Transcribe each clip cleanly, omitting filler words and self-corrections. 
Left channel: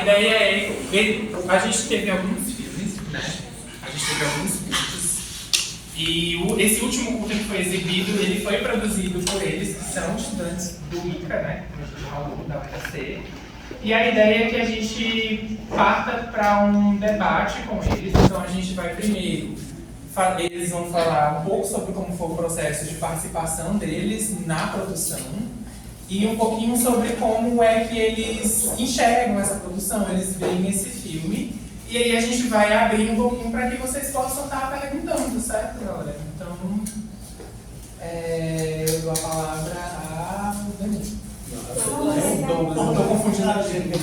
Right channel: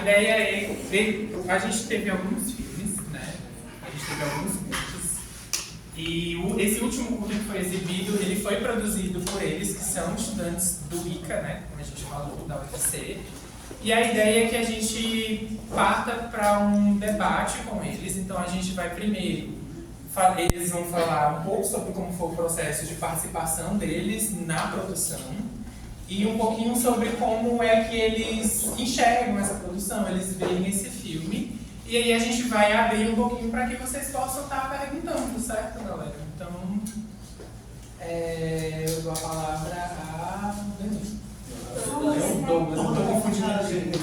ideia é ver. A gente teve alguns filmes, né? E esse último curta que foi exibido, ele foi produzido por eles, que são estudantes do ICA, né? Como a gente falou, da UFC. E a ideia é que a gente parta para um debate com eles. Então a gente vai primeiro, eles vão falar um pouco sobre como foi o processo de participação deles na produção e um pouquinho sobre como é que eles enxergam essa produção, eles veem esse filme. E aí a gente vai abrir um pouquinho para que vocês possam estar perguntando, certo, galera? Então, eu dou a palavra a Danilo. Eu tô confundindo a gente.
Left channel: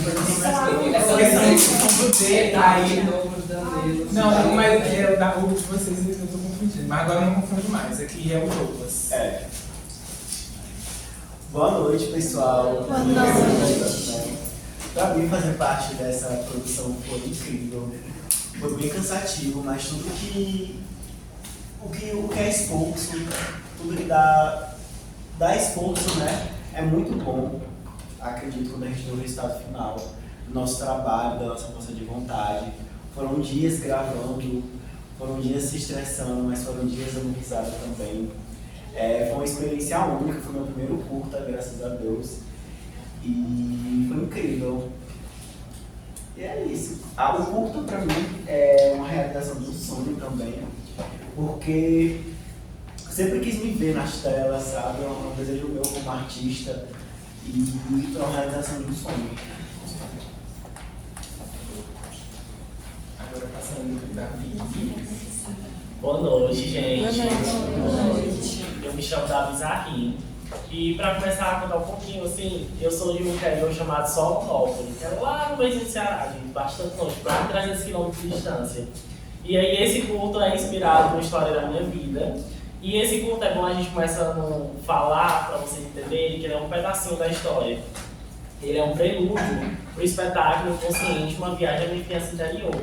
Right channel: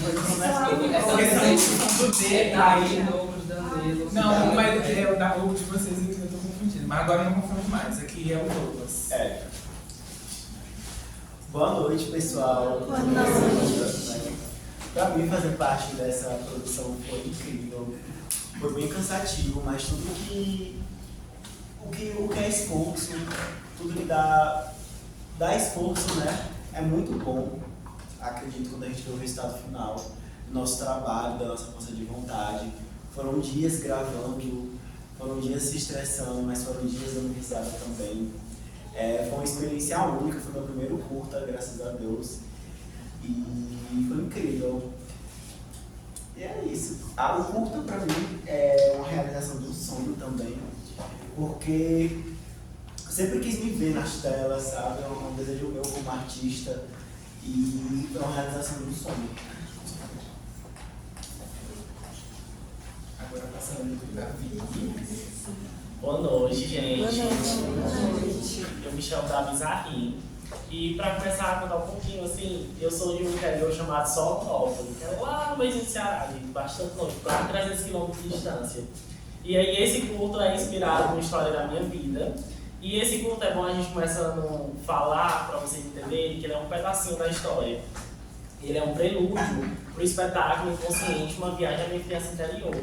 Não, mas é da rua de vocês eu tô confundindo. Mas agora eu não confundo mais. Aqui é o Douglas. Boa noite, pessoal. Boa noite. Para mim, fazer parte dessa produção foi incrível. Foi bem cansativo, mas tudo o que é esforço, tudo que dá esforço, né? É muito bom. Acredito quando a gente vê o resultado final do nosso trabalho, da nossa força de vontade. Foram dias gravando, foram dias se estressando, mas foram dias dando risada também. Foi uma experiência única, foi meu primeiro curta, graças a Deus. E foi incrível. E é isso. O curta pra mim é uma realização de um sonho também, porque sempre quis me ver nas telas, sabe? É um desejo meu como artista e é uma realização de um sonho. Agora passando para a Boa noite, gente. Boa noite. Eu me chamo Davi Zarrim. E para começar a contar um pouquinho, assim, eu sou de um interior chamado Solonópolis, que é lá no meio do Ceará, bastante longe, para 300 km de distância. E aí esse curto é inspirado numa história da minha vida. E esse curto é bom a gente começando a falar, para vocês entenderem, que ele é um pedacinho da história. Ele é um prelúdio para o espetáculo Inconsciente, uma viagem à minha criança interior,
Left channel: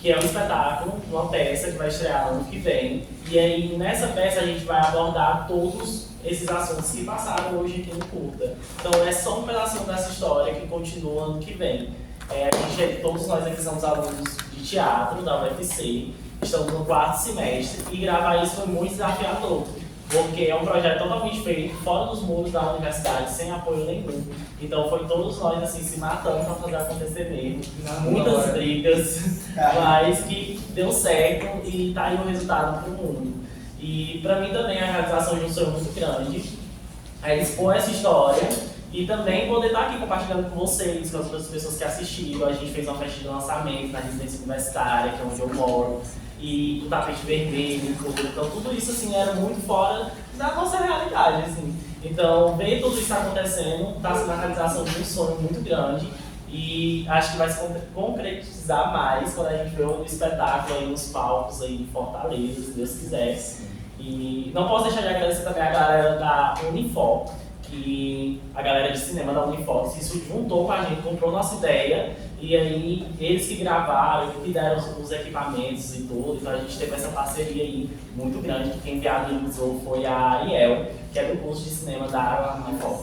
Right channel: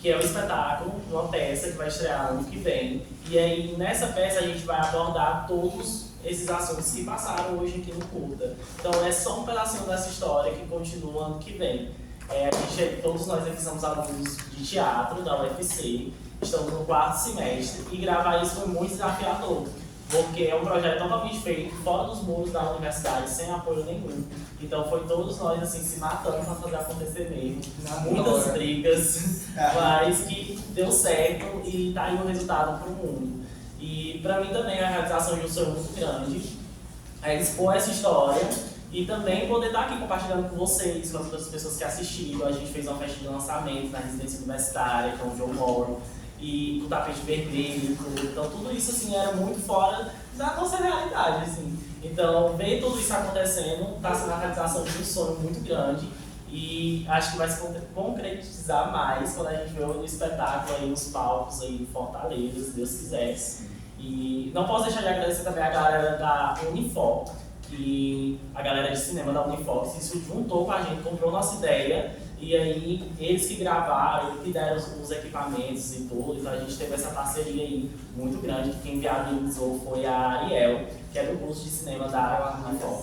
que é um espetáculo, uma peça que vai estrear ano que vem. E aí nessa peça a gente vai abordar todos esses assuntos que passaram hoje aqui no curta. Então é só um pedacinho dessa história que continua ano que vem. Todos nós aqui somos alunos de teatro da UFC, estamos no 4º semestre e gravar isso foi muito desafiador, porque é um projeto totalmente feito fora dos muros da universidade, sem apoio nenhum. Então foi todos nós assim, se matando para fazer acontecer mesmo. Muitas brigas, mas que deu certo e tá aí o resultado para o mundo. E para mim também a realização de um sonho muito grande é expor essa história e também poder estar aqui compartilhando com vocês, com as outras pessoas que assistiram. A gente fez uma festa de lançamento na residência universitária, que é onde eu moro, e o tapete vermelho, então tudo isso assim era muito fora da nossa realidade, assim. Então ver tudo isso acontecendo está sendo a realização de um sonho muito grande e acho que vai se concretizar mais quando a gente vê o espetáculo aí nos palcos aí em Fortaleza, se Deus quiser. E não posso deixar de agradecer também a galera da Unifor, que a galera de cinema da Unifor se juntou com a gente, comprou nossa ideia. E aí, eles que gravaram, que deram os equipamentos e tudo, então a gente teve essa parceria aí muito grande, que quem viabilizou foi a Ariel, que é do curso de cinema da Unifor.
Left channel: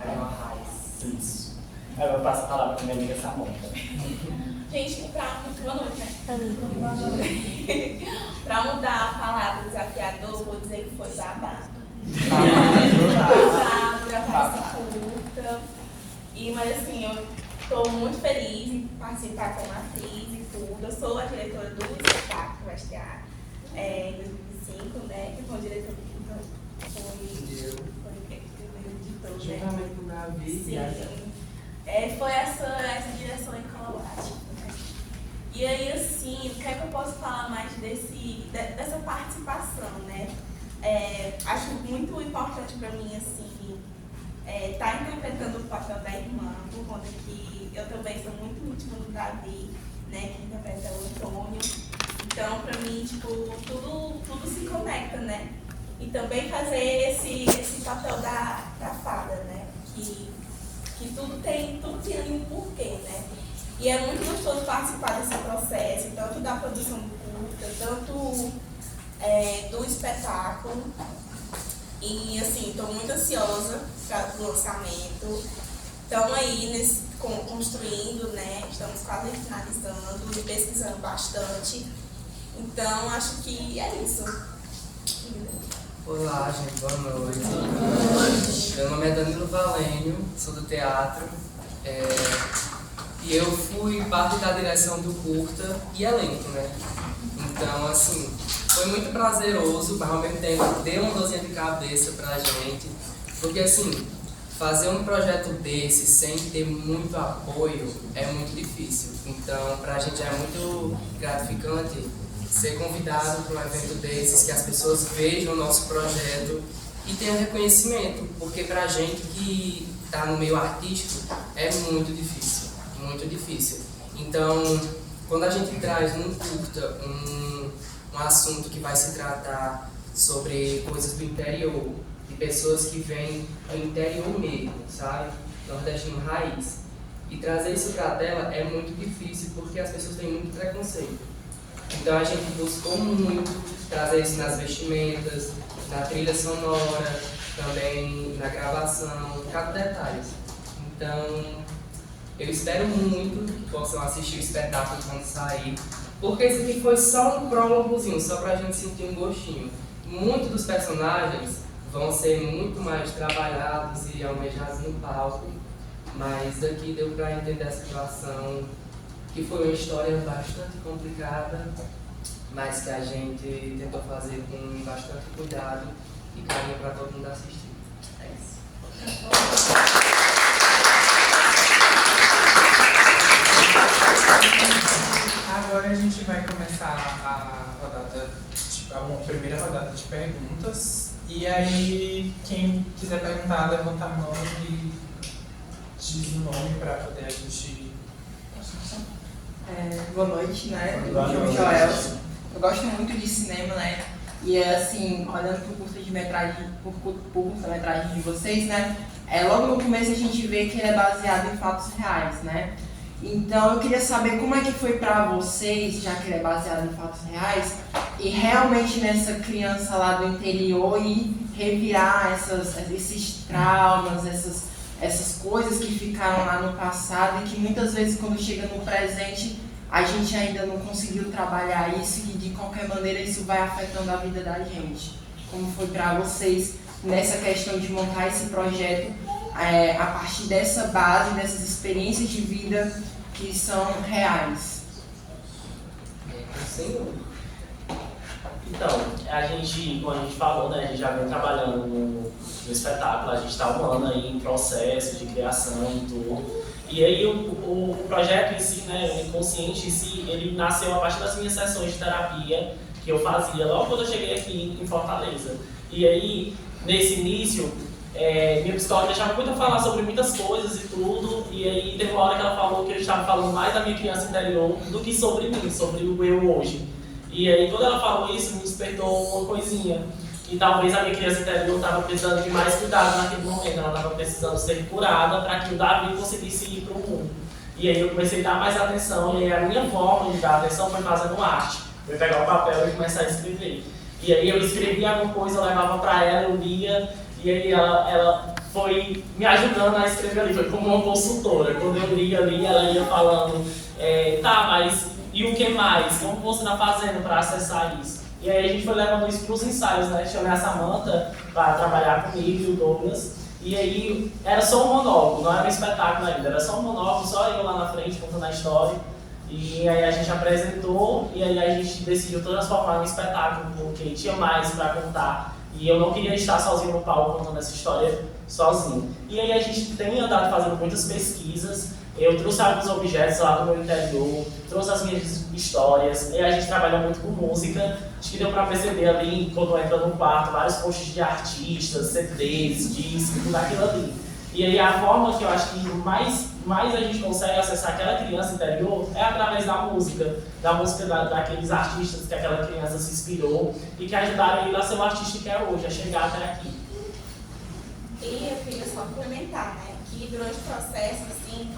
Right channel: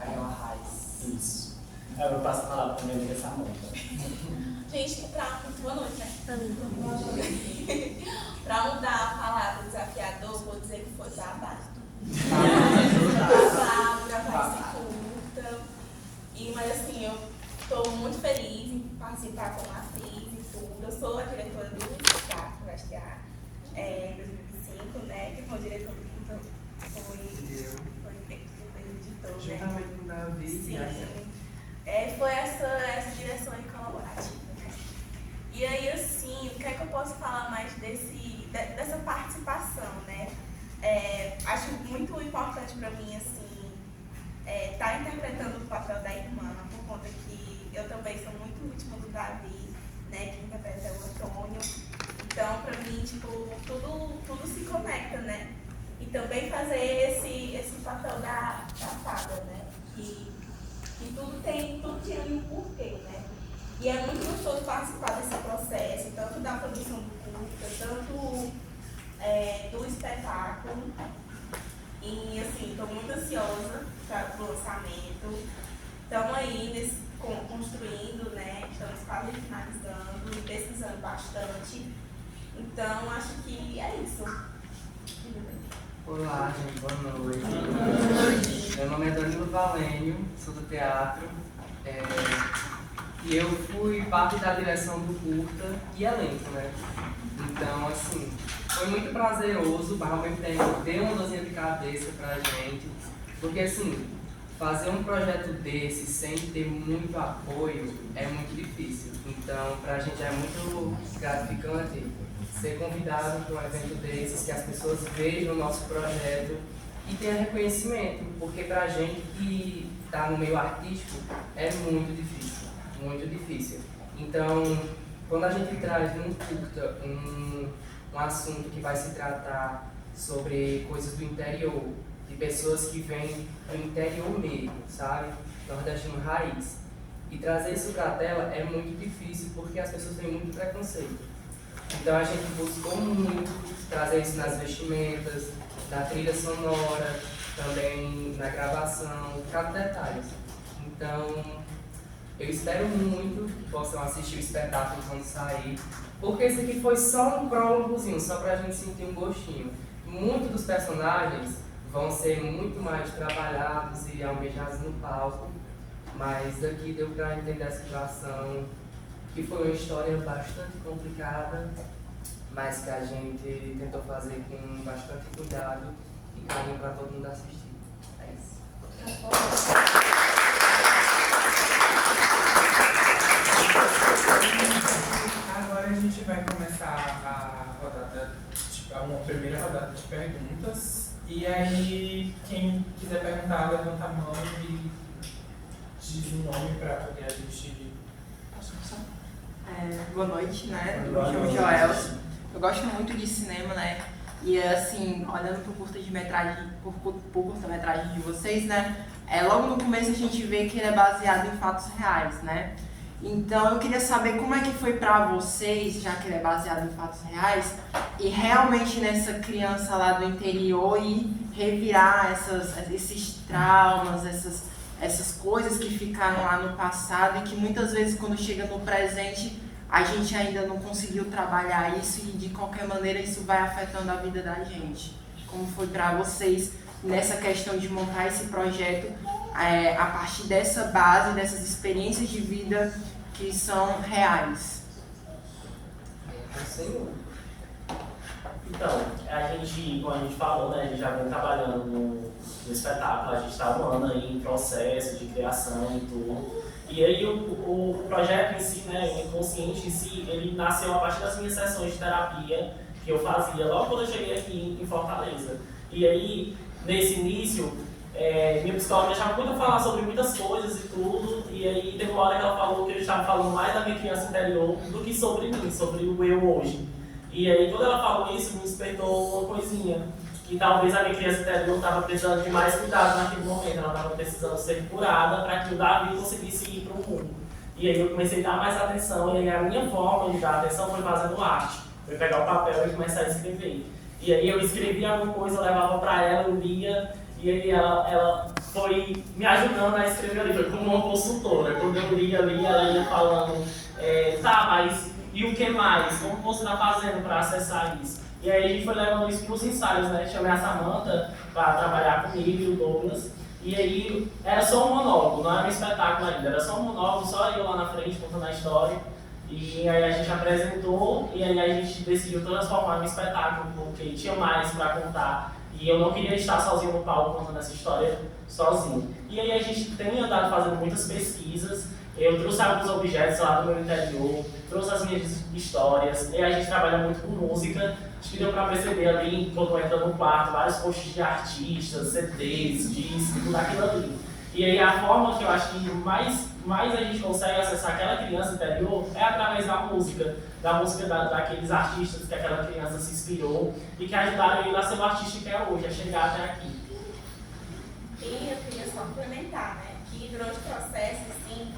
Ariel Arraes. Isso. Agora eu passo a palavra para minha amiga Samanta. Gente, boa noite, né? Pra mudar a palavra desafiador, vou dizer que foi babado. Gravar esse curta. Mas assim, eu estou muito feliz em participar como atriz e tudo. Eu sou a diretora do espetáculo que vai estrear em 2025, né? Que foi o diretor do curta foi editor, né? Juntamente com o Davi. Sim. Foi essa direção em colaborativa. E aí, assim, o que é que eu posso falar mais dessa participação, né? Acho muito importante para mim, assim, estar interpretando o papel da irmã, por conta que eu também sou muito íntima do Davi, né? Que interpreta o Antônio. Então, para mim, tipo, tudo se conecta, né? E também fazer esse papel da fada, né? Que tudo tem ali um porquê, né? E é muito gostoso participar desse processo, tanto da produção do curta, tanto do espetáculo. E assim, estou muito ansiosa para o lançamento. Estamos aí construindo, né, quase finalizando e pesquisando bastante. Então, acho que é isso. Olá, gente, boa noite. Meu nome é Danilo Valênio, sou do teatro. E eu fui parte da direção do curta e elenco, né? Então, assim, foi muito prazeroso, mas ao mesmo tempo deu uma dorzinha de cabeça pra gente. Porque, assim, fazer um projeto desse sem ter muito apoio é muito difícil. Então, pra gente é muito gratificante ser convidado para um evento desses, que as pessoas vejam o nosso projeto e tenham reconhecimento, porque pra gente que está no meio artístico é muito difícil. Então, quando a gente traz num curta um assunto que vai se tratar sobre coisas do interior, de pessoas que vêm do interior mesmo, sabe? Nordestino raiz. E trazer isso para a tela é muito difícil, porque as pessoas têm muito preconceito. Então a gente buscou muito trazer isso nas vestimentas, na trilha sonora, também na gravação, cada detalhe. Então, eu espero muito que possam assistir o espetáculo quando sair, porque esse aqui foi só um prólogozinho, só pra gente sentir um gostinho. Muitos dos personagens vão ser muito mais trabalhados e almejados no palco, mas daqui deu pra entender a situação, que foi uma história bastante complicada, mas que a gente tentou fazer com bastante cuidado e carinho para todo mundo assistir. É isso. Agora a gente vai começar a rodada, a primeira rodada de perguntas. E aí, quem quiser perguntar, levanta a mão e diz o nome para poder a gente... Boa noite, né? Boa Eu me chamo noite. Joel. Eu gosto muito de cinema, né? E assim, olhando pro curta-metragem de vocês, né? Logo no começo a gente vê que ele é baseado em fatos reais, né? Então eu queria saber como é que foi pra vocês, já que ele é baseado em fatos reais, e realmente nessa criança lá do interior e revirar esses traumas, essas coisas que ficaram lá no passado e que muitas vezes quando chega no presente a gente ainda não conseguiu trabalhar isso e de qualquer maneira isso vai afetando a vida da gente. Como foi para vocês nessa questão de montar esse projeto a partir dessa base, dessas experiências de vida que são reais? Sim. Então, a gente, como a gente falou, né, a gente já vem trabalhando no espetáculo, a gente está um ano aí em processo de criação e tudo. E aí o projeto em si, né, o Inconsciente em si, ele nasceu a partir das minhas sessões de terapia que eu fazia logo quando eu cheguei aqui em Fortaleza. E aí, nesse início, minha psicóloga deixava muito a falar sobre muitas coisas e tudo, e aí teve uma hora que ela falou que eu estava falando mais da minha criança interior do que sobre mim, sobre o eu hoje. E aí quando ela falou isso, me despertou uma coisinha, que talvez a minha criança interior estava precisando de mais cuidado naquele momento, ela estava precisando ser curada para que o Davi conseguisse ir para o mundo. E aí eu comecei a dar mais atenção, e aí a minha forma de dar atenção foi fazendo arte. Eu ia pegar o papel e começar a escrever. E aí eu escrevia alguma coisa, eu levava para ela, eu lia, e aí ela foi me ajudando a escrever ali, foi como uma consultora. Quando eu lia ali, ela ia falando, tá, mas e o que mais? Como você está fazendo para acessar isso? E aí a gente foi levando isso para os ensaios, né? Chamei a Samantha para trabalhar comigo e o Douglas. E aí era só um monólogo, não era um espetáculo ainda, era só um monólogo, só eu lá na frente contando a história. E aí a gente apresentou e aí a gente decidiu transformar em um espetáculo, porque tinha mais para contar. E eu não queria estar sozinho no palco contando essa história sozinho. E aí a gente tem andado fazendo muitas pesquisas. Eu trouxe alguns objetos lá do meu interior, trouxe as minhas histórias, e a gente trabalha muito com música. Acho que deu pra perceber ali, quando entra no quarto, vários posts de artistas, CDs, discos, tudo aquilo ali. E aí a forma que eu acho que mais a gente consegue acessar aquela criança interior é através da música daqueles artistas que aquela criança se inspirou e que ajudaram ele a ser o artista que é hoje, a chegar até aqui. E eu queria só complementar, né, que durante o processo, assim,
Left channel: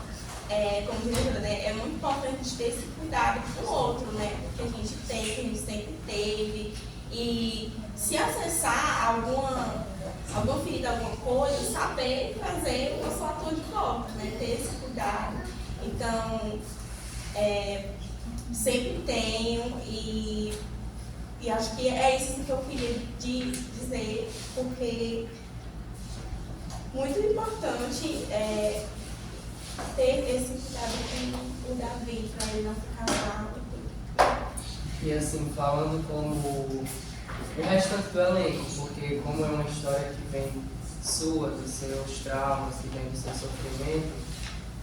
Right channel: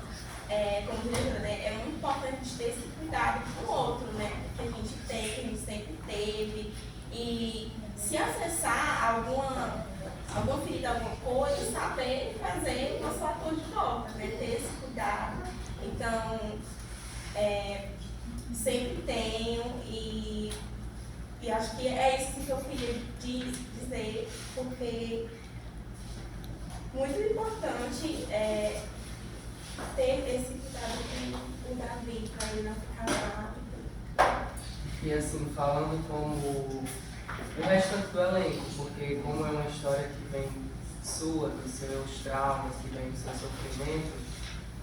como diretora, né, é muito importante a gente ter esse cuidado com o outro, né, que a gente tem, que a gente sempre teve. E se acessar alguma ferida, alguma coisa, saber fazer o nosso ator de volta, né, ter esse cuidado. Então, sempre tenho e acho que é isso assim, que eu queria dizer, porque muito importante ter esse cuidado com o Davi, para ele não ficar mal. E assim, falando como o restante do elenco, porque como é uma história que vem sua, dos seus traumas, que vem do seu sofrimento,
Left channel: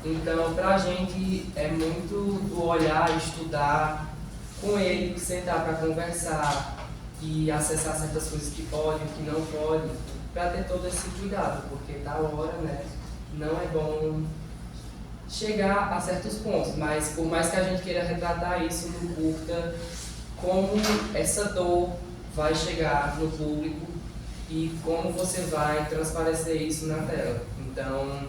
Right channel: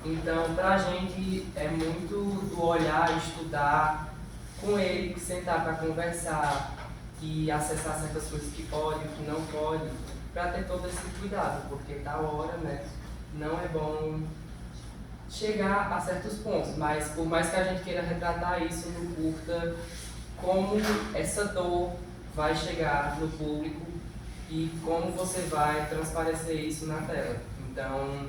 então pra gente é muito do olhar, estudar com ele, sentar para conversar e acessar certas coisas que pode, que não pode, para ter todo esse cuidado, porque da hora, né, não é bom chegar a certos pontos, mas por mais que a gente queira retratar isso no curta, como essa dor vai chegar no público e como você vai transparecer isso na tela. Então,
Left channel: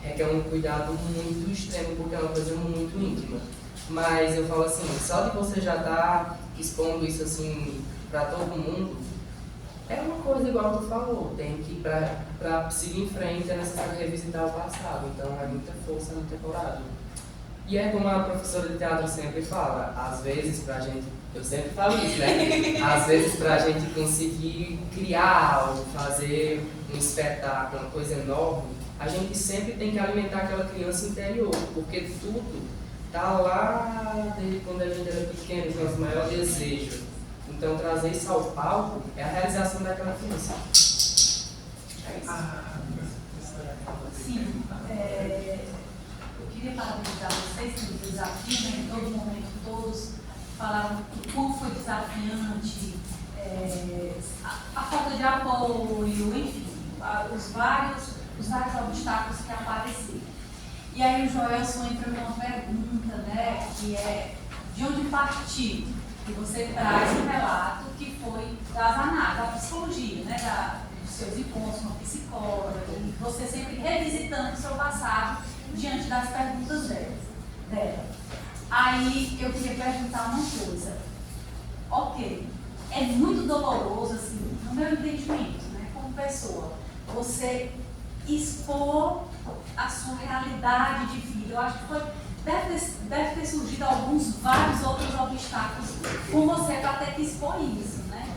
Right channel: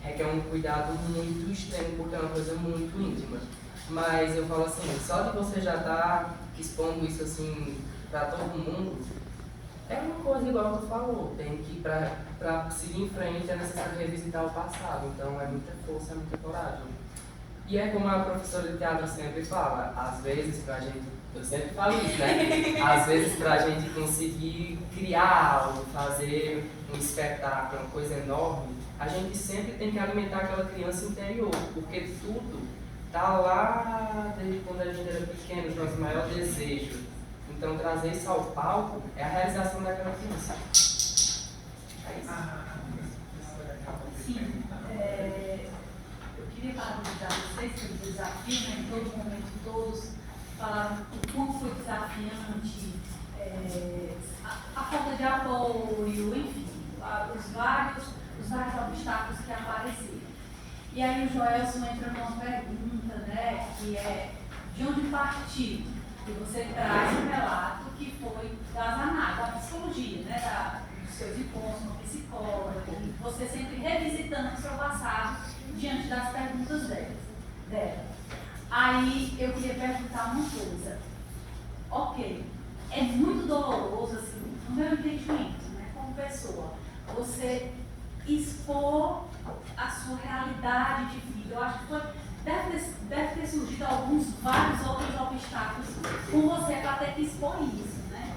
requer um cuidado muito extremo, porque é uma coisa muito íntima. Mas eu falo assim, só de você já estar expondo isso assim para todo mundo, é uma coisa igual tu falou, tem que ir para seguir em frente, é necessário revisitar o passado. Então, é muita força, é muita coragem. E é como a professora de teatro sempre fala, às vezes pra gente, eu sempre falo isso, né? Às vezes pra gente conseguir criar algo, fazer um espetáculo, uma coisa enorme, a gente sempre tem que alimentar aquela criança interior, porque tudo tá lá desde quando a gente era pequeno, os nossos maiores desejos. Então trazer isso ao palco é a realização daquela criança. É isso. Sim, eu queria parabenizar vocês pelo desafio, né? Em todo momento, todos falaram do quão foi desafiante, a falta de apoio, enfim, os vários obstáculos que apareceram. E aí o Joelson entra numa pergunta, né, que é de onde partiu? E você traz um relato que foi das análises, da psicologia, né, dos seus encontros com a psicóloga, e você sempre revisitando o seu passado diante das perguntas dela. Aí eu queria perguntar uma coisa. Ok, é muito doloroso, assim, no meu entendimento, né, como pessoa, você expor a sua realidade de vida. Eu acho que deve ter surgido vários outros obstáculos com você para ter que expor isso, né?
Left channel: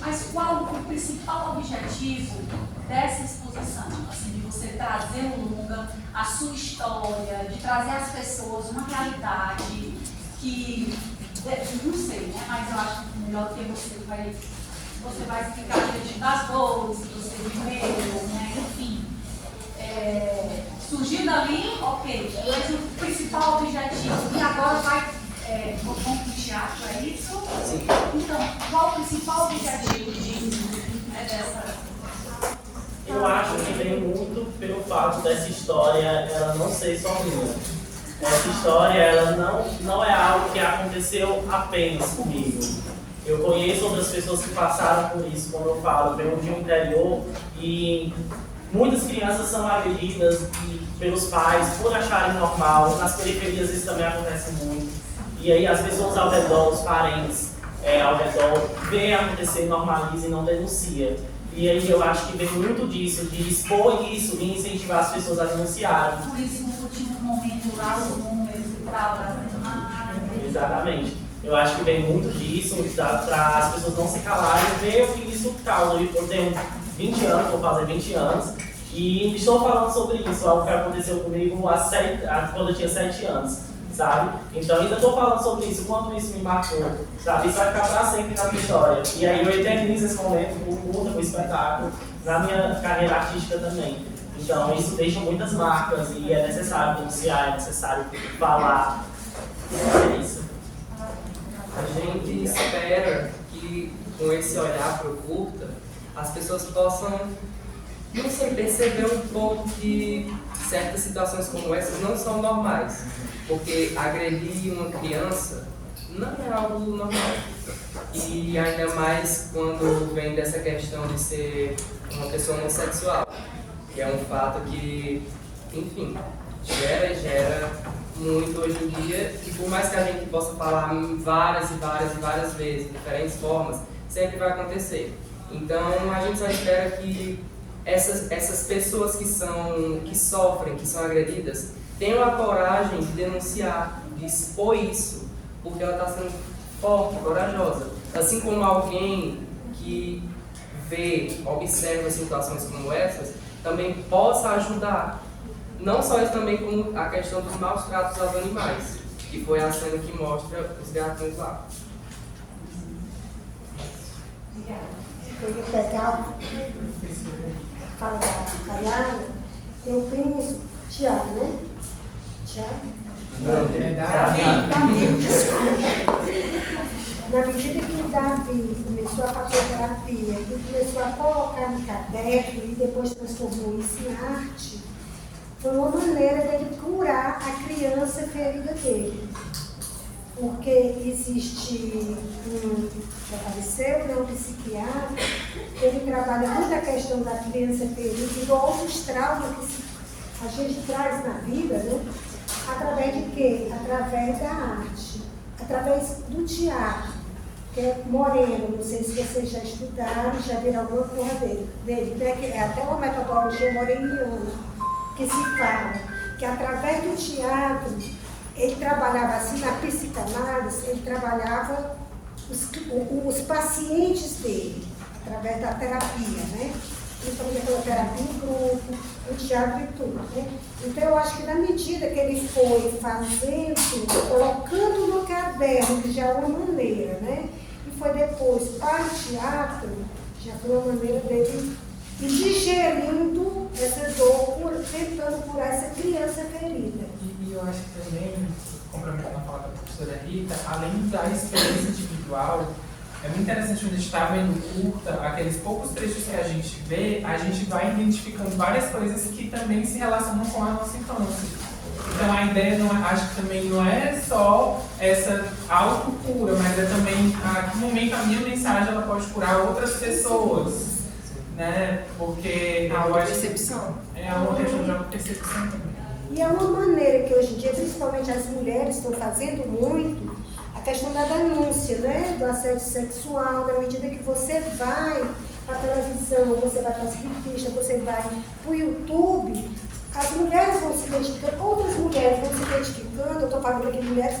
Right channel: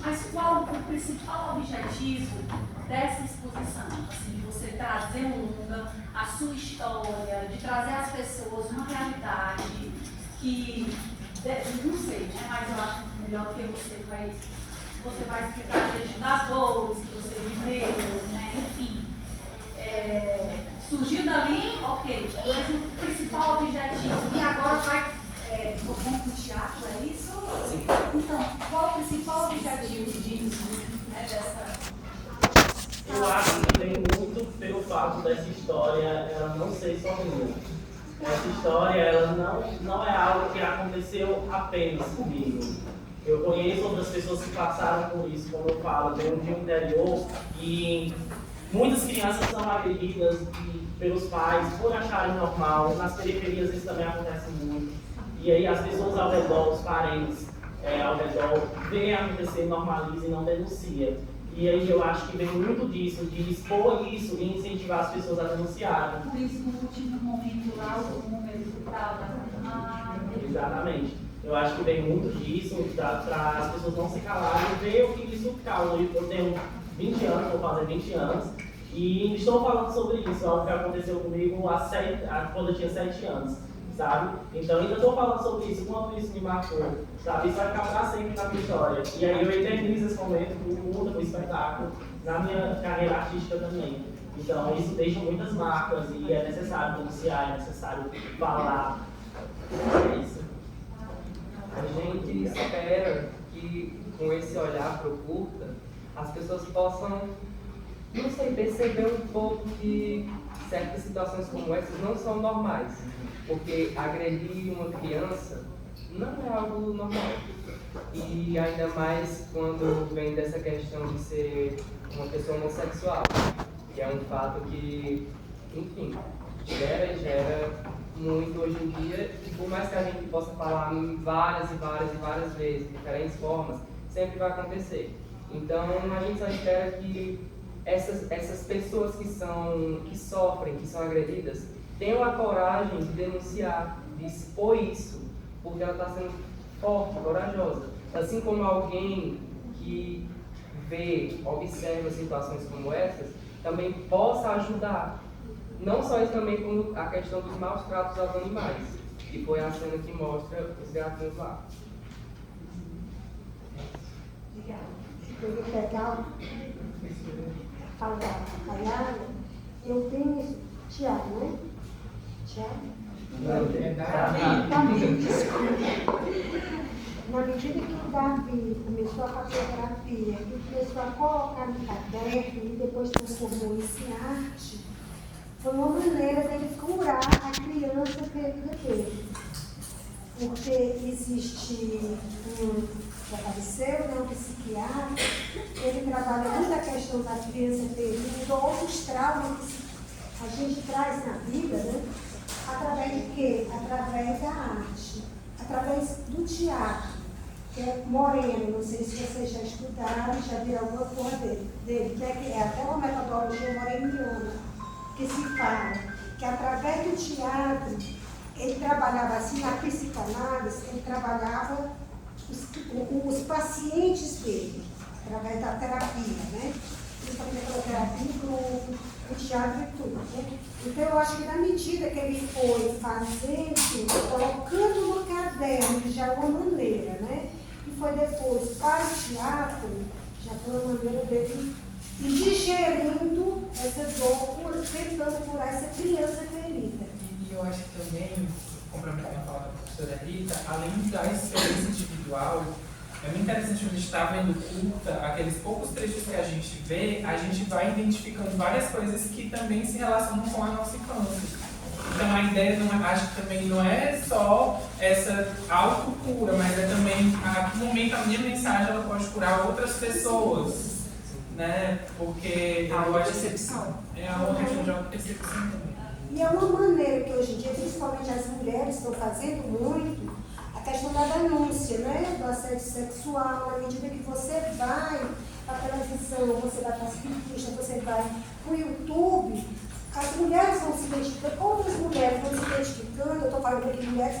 Mas qual o principal objetivo dessa exposição? Assim, de você trazer um longa, a sua história, de trazer às pessoas uma realidade que, não sei, né? Mas eu acho melhor que você vai explicar diante das dores que você viveu, né? Enfim. Surgiu dali, ok, mas o principal objetivo, e agora vai com o teatro, é isso? Sim. Então, qual o principal objetivo disso? Dessa... Eu acho que vem muito pelo fato dessa história ela não ser só minha. Essa história ela não é algo que aconteceu apenas comigo. Eu conheço outras pessoas que passaram por isso, como eu falo, venho de um interior e muitas crianças são agredidas pelos pais por acharem normal. Nas periferias isso também acontece muito. E aí as pessoas ao redor, os parentes ao redor, veem acontecer, normalizam e não denunciam. E aí eu acho que vem muito disso, de expor isso e incentivar as pessoas a denunciarem. Por isso, no último momento lá, os números e tal, Exatamente. Eu acho que vem muito disso, para as pessoas não se calarem, ver o que isso causa. Eu tenho 20 anos, vou fazer 20 anos, e estou falando sobre isso, algo que aconteceu comigo quando eu tinha 7 anos, sabe? Então ainda estou falando sobre isso, quanto isso me marcou, sabe? Isso vai ficar para sempre na minha história. E aí eu eternizo esse momento com o curta, com o espetáculo, na minha carreira artística também. Então isso deixa muitas marcas e é necessário denunciar, é necessário falar. É isso. A gente espera que com esse olhar para o curta, as pessoas possam, não sei, perceber um pouco que certas situações como essas não são normais. Porque agredir uma criança não é algo normal. E ainda mais quando vem dessa questão de ser uma pessoa homossexual, que é um fato que, enfim, gera muito hoje em dia, e por mais que a gente possa falar várias vezes, de diferentes formas, sempre vai acontecer. Então a gente só espera que essas pessoas que sofrem, que são agredidas, tenham a coragem de denunciar, de expor isso, porque ela está sendo forte, corajosa. Assim como alguém que vê, observa situações como essas, também possa ajudar. Não só isso, também como a questão dos maus tratos aos animais, que foi a cena que mostra os gatões lá. Eu ia pegar, fala da Caiana, tem um primo, Tiago, né? Tiago? Na medida que o Davi começou a fazer terapia e começou a colocar no caderno e depois transformou isso em arte, foi uma maneira dele curar a criança ferida dele. Porque existe que apareceu, né, um psiquiatra, ele trabalha muito a questão da criança ferida, igual outros traumas que a gente traz na vida, né? Através de quê? Através da arte, através do teatro, que é Moreno, não sei se vocês já estudaram, já viram alguma coisa dele, né? Que é até uma metodologia moreniana, que se fala que através do teatro, ele trabalhava assim, na psicanálise, ele trabalhava os pacientes dele, através da terapia, né? Principalmente aquela terapia em grupo, o teatro e tudo, né? Então eu acho que na medida que ele foi fazendo, colocando no caderno, que já é uma maneira, né? E foi depois para o teatro, já foi uma maneira dele ir digerindo essa dor, tentando curar essa criança ferida. E eu acho que também, complementando a fala da professora Rita, além da experiência individual, é muito interessante quando a gente está vendo curta, aqueles poucos trechos que a gente vê, a gente vai identificando várias coisas que também se relacionam com a nossa infância. Então a ideia, não é, acho que também não é só essa autocura, mas é também a que momento a minha mensagem ela pode curar outras pessoas, né? Porque A autopercepção. É a outra questão de autopercepção também. E é uma maneira que hoje em dia, principalmente as mulheres estão fazendo muito, a questão da denúncia, né? Do assédio sexual, na medida que você vai para a televisão, você vai para as revistas, você vai para o YouTube, as mulheres vão se identificando, outras mulheres vão se identificando, eu estou falando aqui de mulheres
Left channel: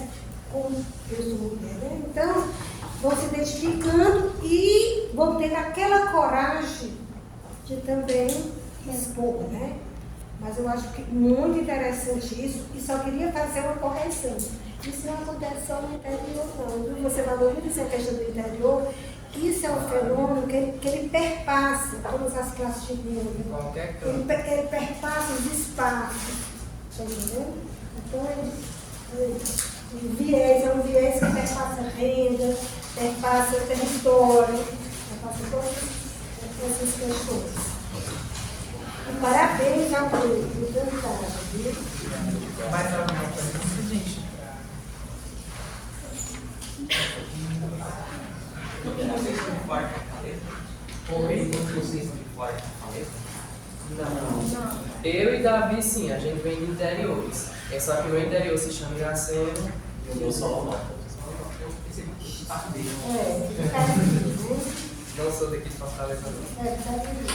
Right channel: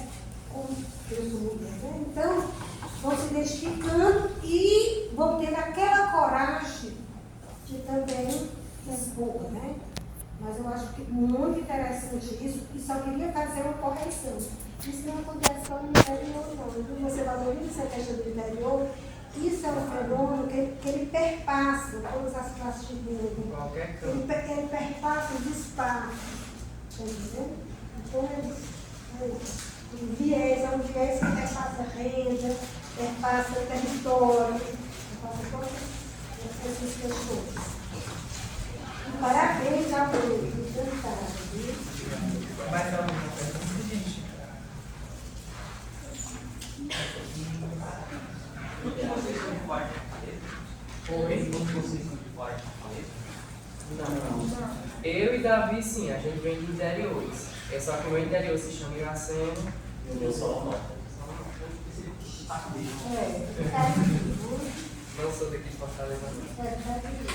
como eu sou mulher, né? Então, vão se identificando e vão tendo aquela coragem de também expor, né? Mas eu acho que muito interessante isso, e só queria fazer uma correção. Isso não acontece só no interior, não. Você falou muito dessa questão do interior, isso é um fenômeno que ele perpassa todas as classes de renda. Qualquer campo. Ele perpassa os espaços, tá entendendo? Então, ele viés, é um viés que perpassa renda, perpassa território, perpassa todas essas questões. E parabéns ao grupo, cantado, viu? Mais alguma coisa, gente? Todos vocês são de Forte Oi? Todos vocês são de Forte Não. Eu e Davi, sim, a gente vem de interiores. É só que o meu interior se chama Iracema e o meu solo norte. Eu pensei que parte dele. Cariri, né? Não sou daqui de Fortaleza, não. Cariri.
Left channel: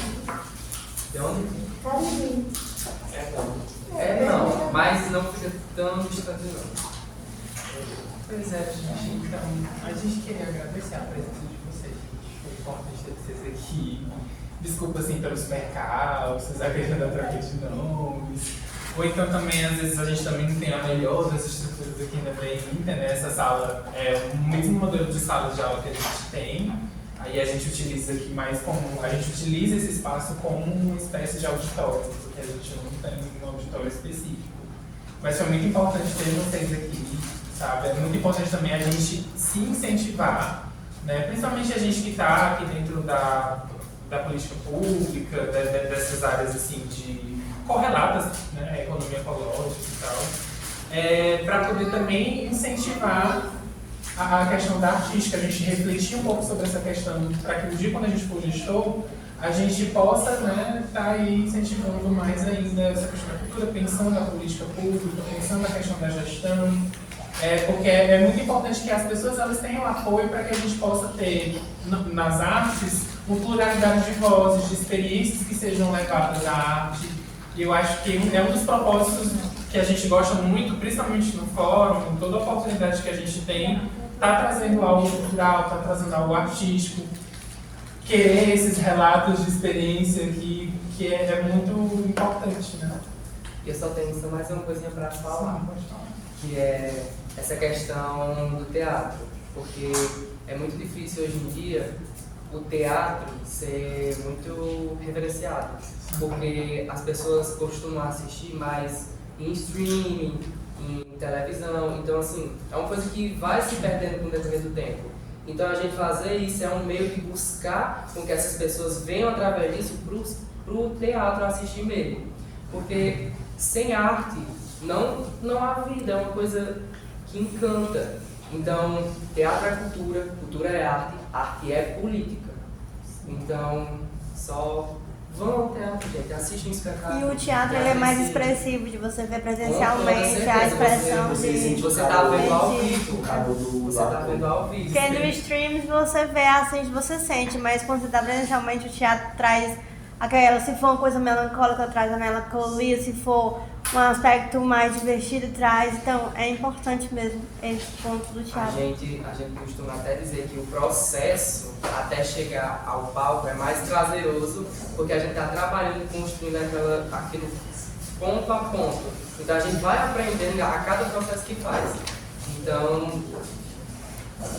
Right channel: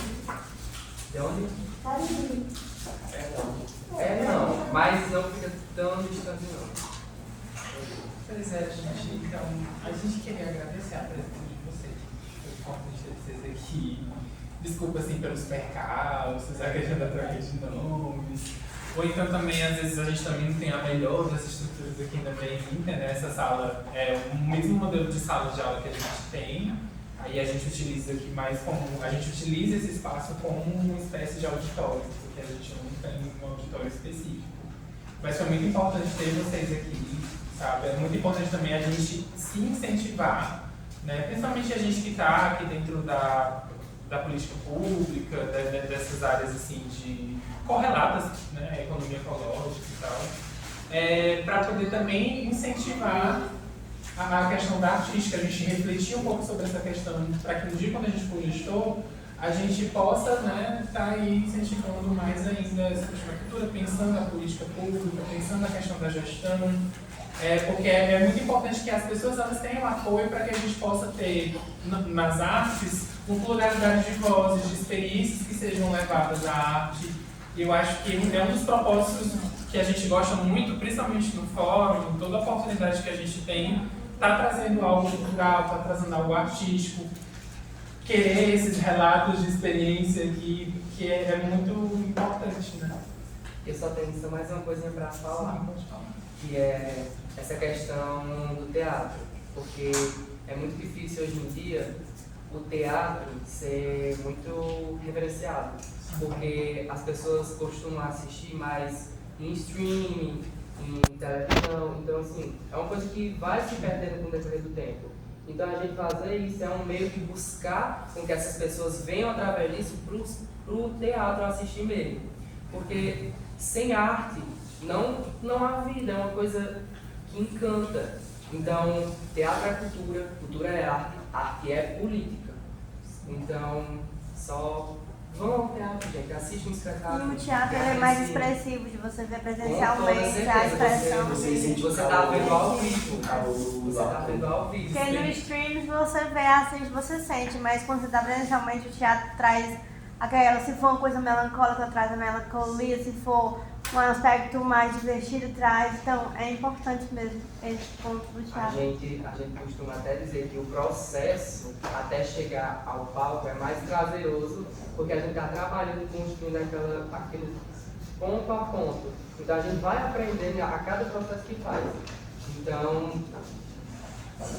De onde? Cariri. Não, mas não fica tão distante, não. Pois é, gente. Então, a gente queria agradecer a presença de vocês. Foi importante ter vocês aqui. Desculpa, assim, pelos percalços, a questão da troca de nomes. Ou então também, às vezes, a gente também não tem a melhor das estruturas aqui na BINTER, né? Essa sala é o mesmo modelo de sala de aula que a gente tem. Aí a gente utiliza aqui mais como... A gente utiliza esse espaço como uma espécie de auditório, porque a gente não tem um auditório específico. Mas foi muito importante ter vocês aqui, sabe? É muito importante também a gente se incentivar, né? Principalmente a gente que está aqui dentro da política pública, dessas áreas assim de correlatas, né? Economia ecológica e tal, para poder também incentivar a questão da artística, a gente refletir um pouco sobre essa questão, para que no dia quando a gente for gestor, a gente possa, né, estar aí incentivando mais ainda essa questão da cultura, pensando a política pública, pensando a questão da gestão, porque é muito importante que as pessoas elas tenham apoio para que a gente possa ter nas artes uma pluralidade de vozes, de experiências que sejam levadas à arte. E eu acho que é um dos propósitos que a gente gosta muito, principalmente no fórum, em toda oportunidade que a gente tem, tá trazendo algo cultural, tá trazendo algo artístico, querer esses relatos de experiência que é muito importante, né? Eu só tenho só mais uma coisinha para falar, que é essa questão do teatro, porque é muito difícil hoje em dia o teatro ser muito reverenciado, porque as pessoas costumam assistir mais em streaming, em televisão, então assim, é uma coisa que vai se perdendo com o decorrer do tempo. Então a gente fazer isso é um meio de buscar com que essas pessoas venham através disso pro teatro assistir mesmo, porque sem arte não há vida, é uma coisa que encanta. Então, teatro é cultura, cultura é arte, arte é política. Então, só vão ao teatro, gente, assistam um espetáculo. E o teatro ele é mais expressivo, de você ver presencialmente a expressão de... Você tá vendo ao vivo. Você tá vendo ao vivo. Porque no streams você vê, assiste, você sente, mas quando você tá presencialmente, o teatro traz aquela, se for uma coisa melancólica, traz a melancolia, se for um aspecto mais divertido, traz. Então, é importante mesmo esse ponto do teatro. A gente costuma até dizer que o processo até chegar ao palco é mais prazeroso, porque a gente está trabalhando, construindo aquele ponto a ponto. Então, a gente vai aprendendo a cada processo que faz. Então,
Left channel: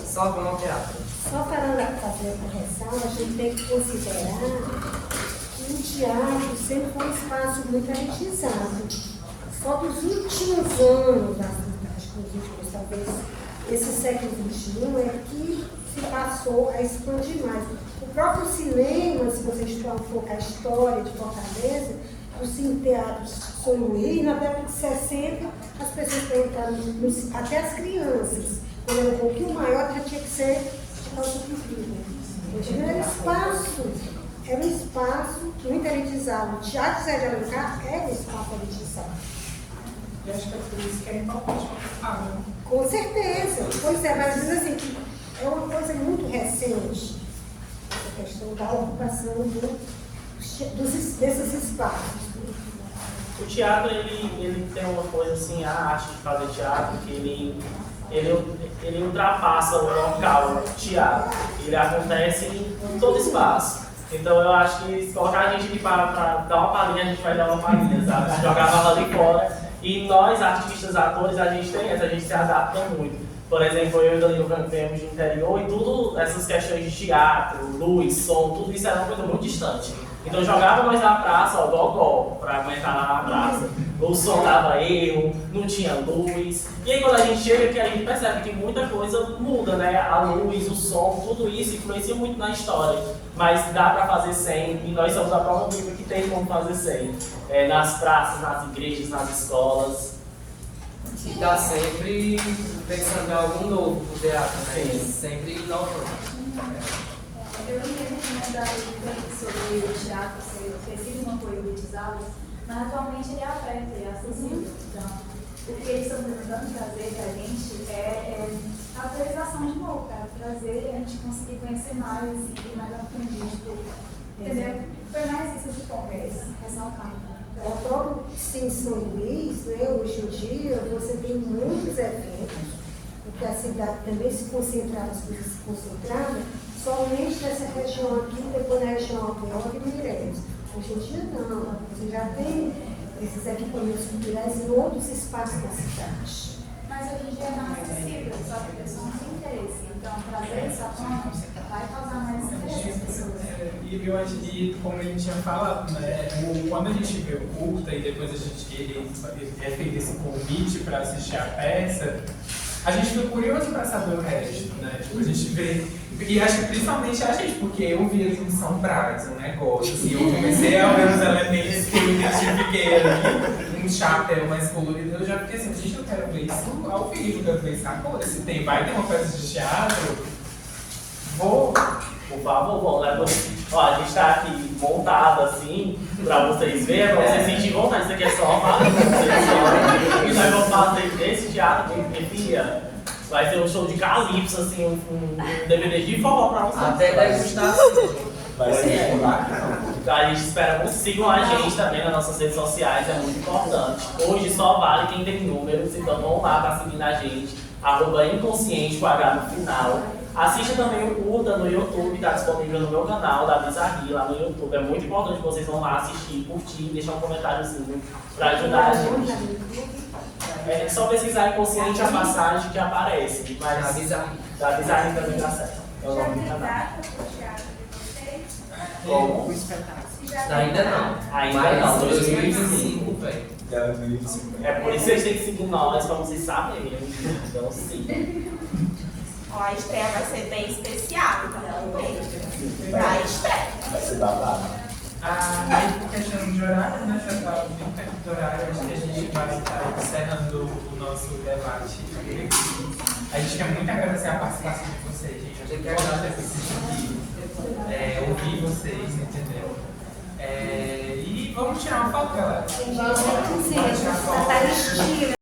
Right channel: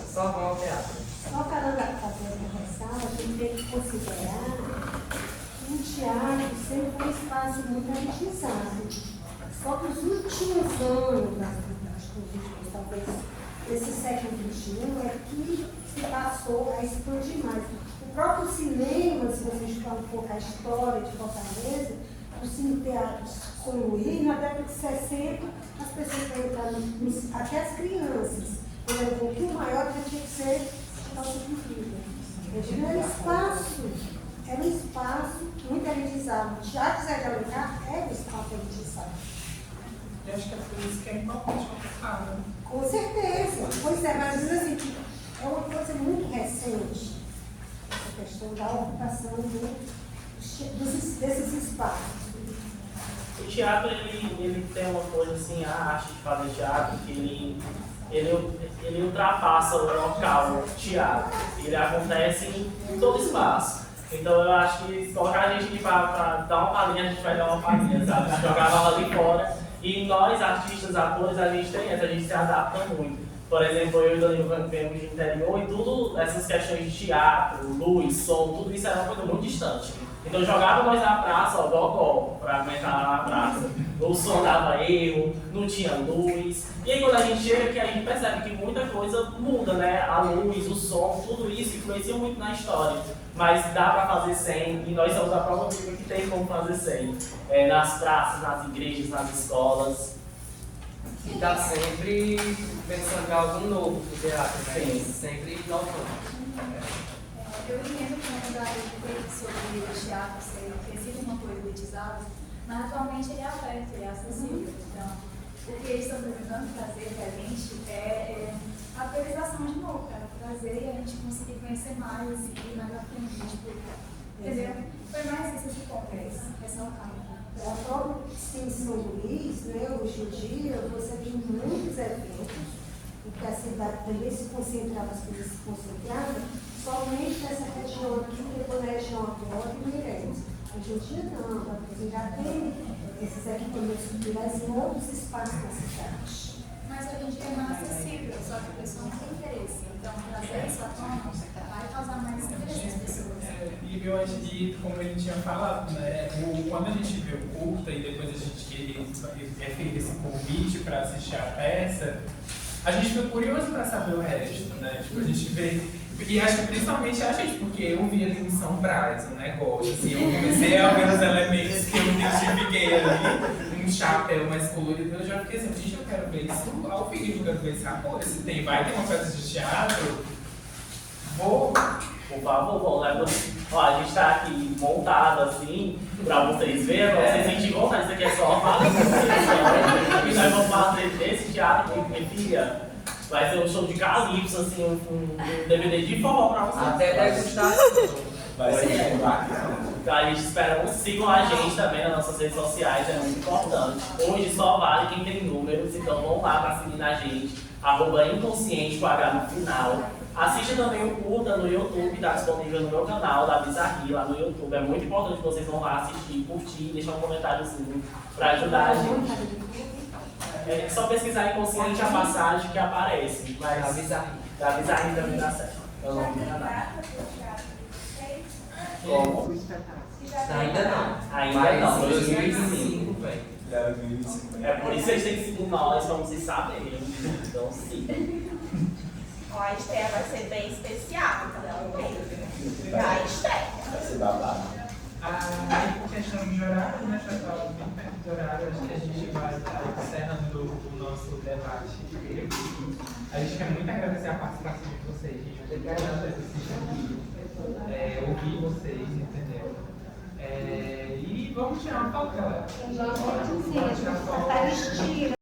só vão ao teatro. Só para fazer a correção, a gente tem que considerar que o teatro sempre foi um espaço muito elitizado. Só dos últimos anos, acho que os últimos, talvez, esse século XXI, é que se passou a expandir mais. O próprio cinema, se você estudar um pouco a história de Fortaleza, o Cine Teatro São Luís, na década de 60, as pessoas para entrar, até as crianças, quando era um pouquinho maior, já tinha que ser de calça comprida. Era um espaço muito elitizado. O Teatro Zé de Alencar era um espaço elitizado. Eu acho que é por isso que é importante falar, né? Com certeza. Pois é, mas diz assim, que é uma coisa muito recente, essa questão da ocupação desses espaços. O teatro, ele tem uma coisa assim, a arte de fazer teatro, que ele ultrapassa o local teatro. Ele acontece em todo espaço. Então eu acho que se colocar a gente aqui para dar uma palhinha, a gente vai dar uma palhinha, sabe? Se jogar a bala ali fora. E nós, artistas, atores, a gente tem essa, a gente se adapta muito. Por exemplo, eu e o Danilo viemos de interior e tudo, essas questões de teatro, luz, som, tudo isso era uma coisa muito distante. Então jogava nós na praça, ó, gogó, pra aguentar lá na praça. O som dava erro, não tinha luz. E aí quando a gente chega aqui, a gente percebe que muita coisa muda, né? A luz, o som, tudo isso influencia muito na história. Mas dá para fazer sem, e nós somos a prova viva que tem como fazer sem. Nas praças, nas igrejas, nas escolas. E está sempre pensando em algo novo no teatro, né? Sempre inovando. Eu entendo que não dá sobre o teatro ser oferecido uma coisa elitizada, mas atualmente ele é aberto, ele é acessível. Então, o que eles estão tentando trazer para a gente é a atualização de novo, para trazer a gente conseguir conhecer mais e mais aprendido. Entendeu? Foi mais isso de conversa, ressaltar. O próprio Cine São Luís, né, hoje em dia, você tem muitos eventos, porque a cidade também se concentrava, as coisas se concentravam somente nessa região aqui, depois na região Aldeota e Meireles. Hoje em dia não, você já tem esses equipamentos culturais em outros espaços da cidade. Mas hoje em dia é mais acessível, só que a pessoa não tem interesse. Então, trazer essa forma vai causar mais interesse nas pessoas. E eu acho que, como ele tinha falado, né, quando a gente vê o curta e depois a gente é feito esse convite para assistir a peça, a gente fica curioso para saber o resto, né? Tipo, a gente vê, e acho que principalmente a gente, porque eu vi ali em São Brás um negócio, assim, eu comecei a ver os elementos que eu identifiquei ali, um chapéu mais colorido, eu já fiquei assim, gente, eu quero ver isso ao vivo, eu quero ver isso agora, se tem, vai ter uma peça de teatro, vou... Por favor, vamos lá. Ó, a gente tá aqui montado assim, pra vocês verem, pra vocês sentirem vontade. Isso aqui é só uma e nós vamos fazer desse teatro aqui, porque, filha, vai ser um show de calypso, assim, um DVD de forró pra vocês. Até degustação. Vai ser um bacana. Então a gente espera que sigam a gente também nas nossas redes sociais, é muito importante. Hoje só vale quem tem números, então vão lá para seguir a gente, @inconsciente com H no final. Assiste também o curta no YouTube, está disponível no meu canal da Bizarri lá no YouTube. É muito importante que vocês vão lá assistir, curtir, deixar um comentáriozinho para ajudar a gente. É só pesquisar Inconsciente a passagem que aparece, mas Da Bizarri. da Bizarri também dá certo. É o Já nome do tem canal. data pro teatro de vocês? Como? O espetáculo. Ainda não. Ainda Mas não, 2025 vem. É por isso que vocês têm que seguir nós, pra vocês saberem. Então sigam. Ó, a estreia vai ser bem especial, então, pra estreia. Vai ser babado. Aí por questão de horário, né, já está bem perto do horário, acho que a gente vai estar encerrando o nosso debate por aqui. A gente quer muito agradecer a participação de vocês, gente. Acho que é importante ouvir vocês, entendeu? E vamos tirar uma foto, galera. Tem gente que Bora tirar diz, foto. Tataristia.